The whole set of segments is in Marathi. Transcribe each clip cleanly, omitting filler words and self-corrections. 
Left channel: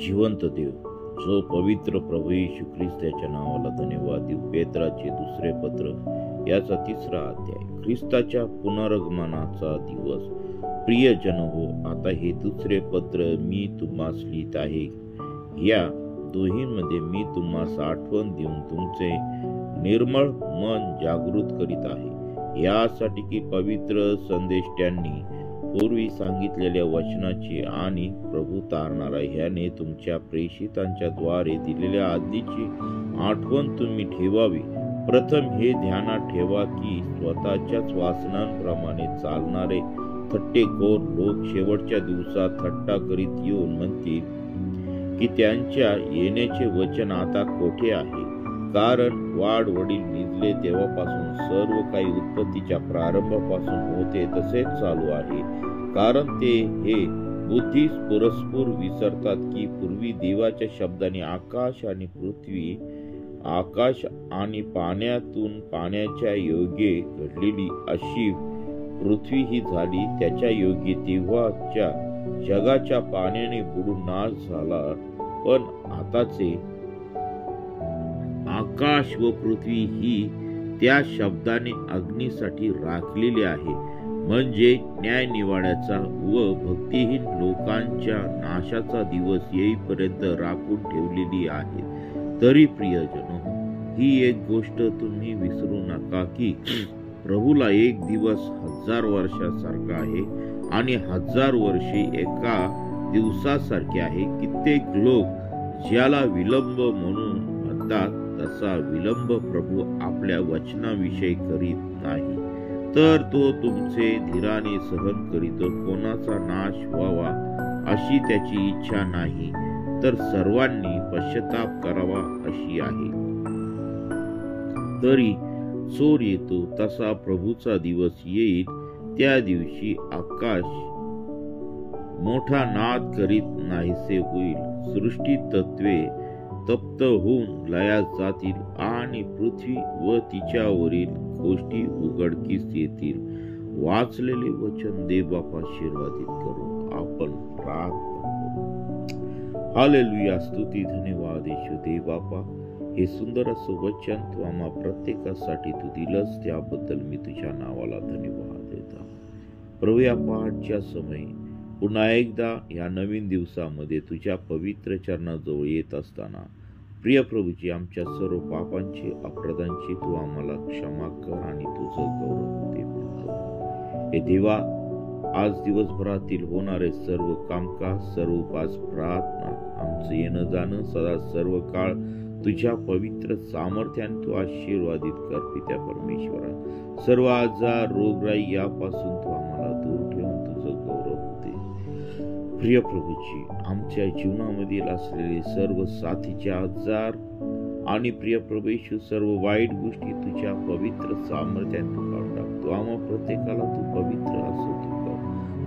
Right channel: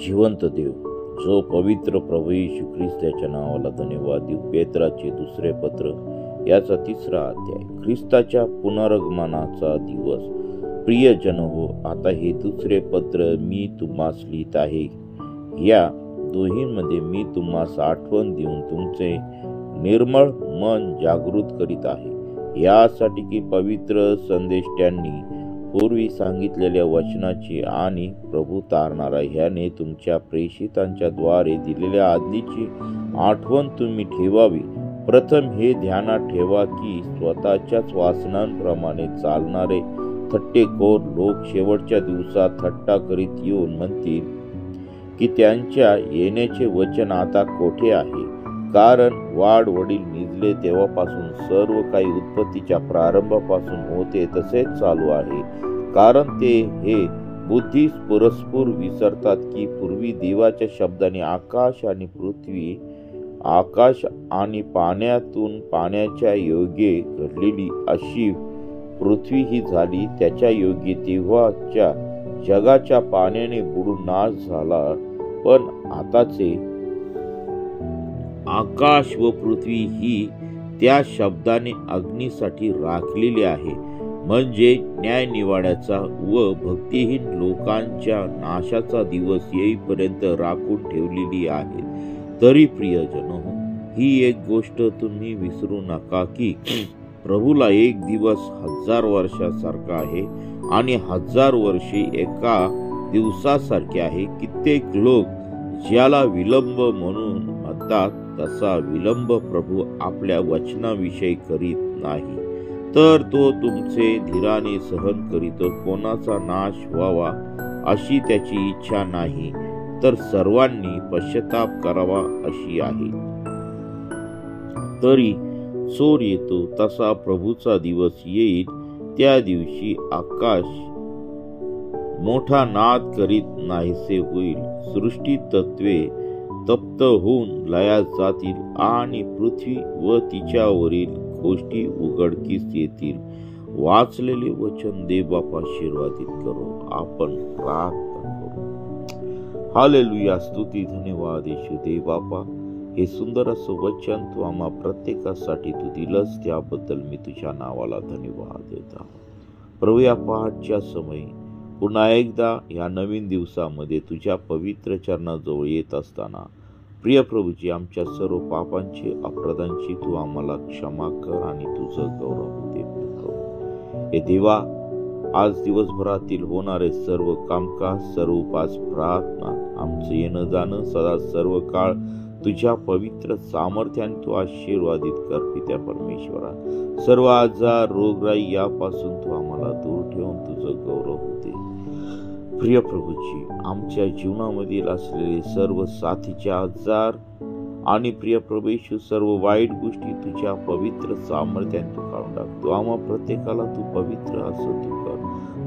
जिवंत देव, जो पवित्र प्रभू येशू ख्रिस्त याच्या नावाला धन्यवाद देऊ. पेत्राचे दुसरे पत्र याचा 3रा अध्याय. ख्रिस्ताच्या पुनरागमनाचा दिवस. प्रियजन हो, आता हे दुसरे पत्र मी तुम्हास लिहित आहे. या दोहींमध्ये मी तुम्हास आठवण देऊन तुमचे निर्मळ मन जागृत करीत आहे, यासाठी की पवित्र संदेष्ट्यांनी पूर्वी सांगितलेल्या वचनाची आणि प्रभू तारणारा ह्याने तुमच्या प्रेषितांच्या द्वारे दिलेल्या आज्ञेची आठवण तुम्ही ठेवावी. प्रथम हे ध्यानात ठेवा की स्वतःच्याच वासनांप्रमाणे चालणारे थट्टेखोर लोक शेवटच्या दिवसात थट्टा करीत येऊन म्हणतील की त्यांच्या येण्याचे वचन आता कोठे आहे. कारण वाढ वडील निजले तेव्हापासून सर्व काही उत्पत्तीच्या प्रारंभापासून होते तसेच चालू आहे. कारण ते हे बुद्धीस परस्पर विसरतात की पूर्वी देवाच्या शब्दाने आकाश आणि पृथ्वी, आकाश आणि पाण्यातून पाण्याच्या योगे घडलेली अशी पृथ्वी ही झाली. त्याच्या योगे तेव्हाच्या जगाच्या पाण्याने बुडून नाश झाला, पण आताचे आकाश व पृथ्वी ही त्या शब्दाने अग्नीसाठी राखलेली आहे, म्हणजे न्याय निवाड्याचा व भक्तिहीन लोकांच्या नाशाचा दिवस येईपर्यंत राखून ठेवलेली आहे. तरी प्रियजनो, ही एक गोष्ट तुम्ही विसरू नका की प्रभूला एक दिवस 1000 वर्षासारखा आहे आणि 1000 वर्षे एका दिवसासारखे आहे. कित्येक लोक ज्याला विलंब म्हणून म्हणतात, तसा विलंब प्रभू आपल्या वचनाविषयी करीत नाही, तर तो तुमचे धीराने सहन करीत, कोणाचा नाश व्हावा अशी त्याची इच्छा नाही, तर सर्वांनी पश्चाताप करावा अशी आहे. तरी चोर येतो तसा प्रभूचा दिवस येईल. त्या दिवशी आकाश मोठा नाद करीत नाहीसे होईल, सृष्टी तत्वे तप्त होऊन लयास जातील आणि पृथ्वी व तिच्यावरील गोष्टी उघडकीस येतील. वाचलेले वचन देवबापा आशीर्वादित करो. आपण प्रार्थना करू. हालेलुया, स्तुती, धन्यवाद येशू देवबापा. हे सुंदर असं वचन तू आम्हा प्रत्येकासाठी तू दिलंस, त्याबद्दल मी तुझ्या नावाला धन्यवाद देतो. प्रभू, या पहाटच्या समयी पुन्हा एकदा या नवीन दिवसामध्ये तुझ्या पवित्र चरणाजवळ येत असताना प्रिय प्रभूजी, आमच्या सर्व पापांची अपराधांची तू आम्हाला क्षमा कर आणि तुझं गौरव दे. हे देवा, आज दिवसभरातील होणारे सर्व कामकाज, सर्व उपास, प्रार्थना, आमचं येणं जाणं सदा सर्व काळ तुझ्या पवित्र सामर्थ्याने तू आशीर्वादित कर. पित्या परमेश्वरा, सर्व आजार, रोगराई यापासून तू आम्हाला दूर ठेवून तुझं गौरव होते. प्रिय प्रभूजी, आमच्या जीवनामधील असलेले सर्व साथीचे आजार आणि प्रिय प्रभू येशू सर्व वाईट गोष्टी तुझ्या पवित्र सामर्थ्याने तू काढून टाकतो. आम्हा प्रत्येकाला तू पवित्र असं तू कर.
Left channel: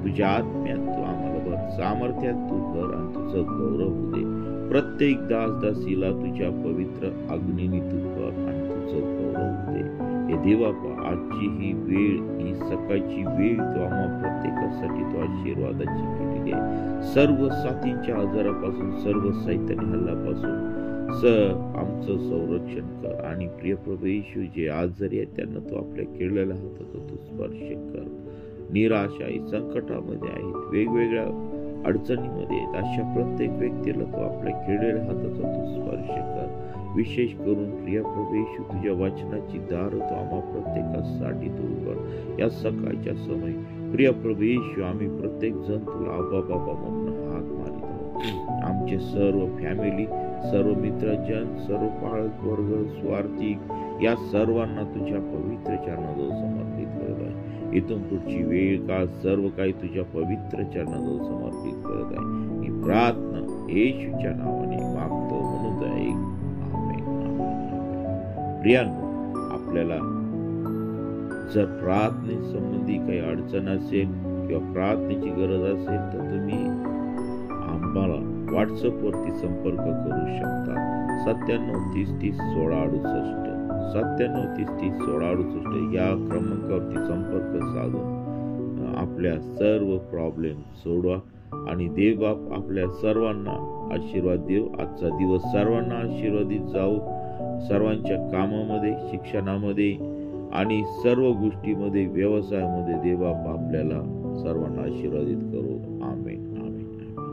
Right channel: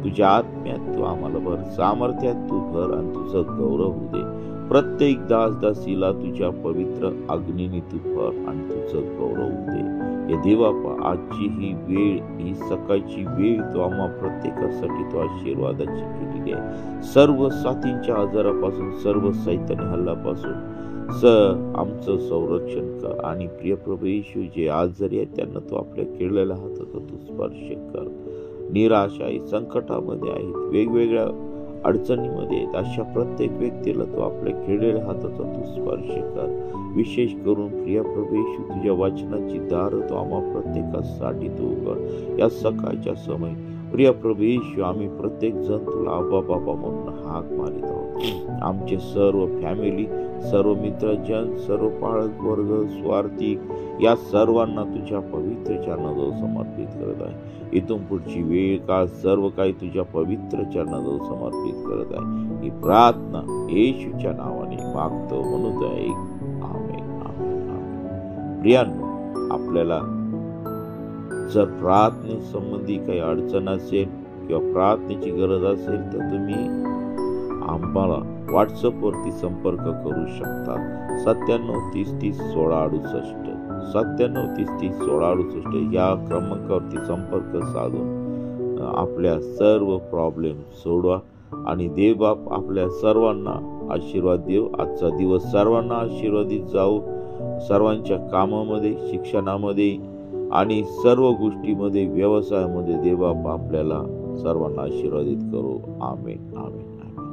तुझ्या आत्म्यात तू आम्हाला भर, सामर्थ्यात तू कर आणि तुझं गौरव होऊ दे. प्रत्येक दासदासीला तुझ्या पवित्र अग्नीने तू कर आणि तुझं गौरव होऊ दे. हे देवापा, आजची ही वेळ, ही सकाळची वेळ तू आम्हा प्रत्येकासाठी तू आशीर्वादाची केलेली आहे. सर्व साथींच्या आजारापासून, सर्व सैतानी हल्ल्यापासून आमचं संरक्षण कर. आणि प्रिय प्रभू येशू, जे आजारी आहेत त्यांना तू आपल्या केलेल्या हाताचा तू स्पर्श कर. निराश आहे, संकटामध्ये आहेत, वेगवेगळ्या अडचणीमध्ये आहेत, अशा प्रत्येक व्यक्तीला तू आपल्या केलेल्या हाताचा तू स्पर्श कर. विशेष करून प्रिय प्रभू येशू, तुझ्या वचनाची दार तो आम्हा प्रत्येकासाठी तू उघड. या सकाळच्या समय प्रिय प्रभू येशू, आम्ही प्रत्येक जण तुला आबा बाबा म्हणून हाक मारित आहोत. आमचे सर्व फॅमिली, सर्व मित्रजन, सर्व पाळक वर्ग, स्वार्थी या सर्वांना तुझ्या पवित्र चरणाजवळ समर्पित करत आहे. इथून पुढची वेळ काळ सर्व काही तुझ्या पवित्र चरणाजवळ समर्पित करत आहे. ही प्रार्थना येशूच्या नावाने मागतो म्हणून आहे. आमेन, आमेन, आमेन. प्रियांनो, आपल्याला जर प्रार्थनेसंबंधी काही अडचण असेल किंवा प्रार्थनेची गरज असेल तर तुम्ही आम्हाला व्हॉट्सअपवरती संपर्क करू शकता. 9730301668 9730301668 या क्रमांकावरती संपर्क साधून आपल्या सर्व प्रॉब्लेम सोडवा. आणि देवबाप आपल्या सर्वांना आशीर्वाद देव. आजचा दिवस सर्वांना आशीर्वादित जाओ. सर्वांच्या कामामध्ये, शिक्षणामध्ये आणि सर्व गोष्टीमध्ये, व्यवसायामध्ये देवबाप आपल्याला सर्वांना आशीर्वादित करो. आमेन, आमेन, आमेन.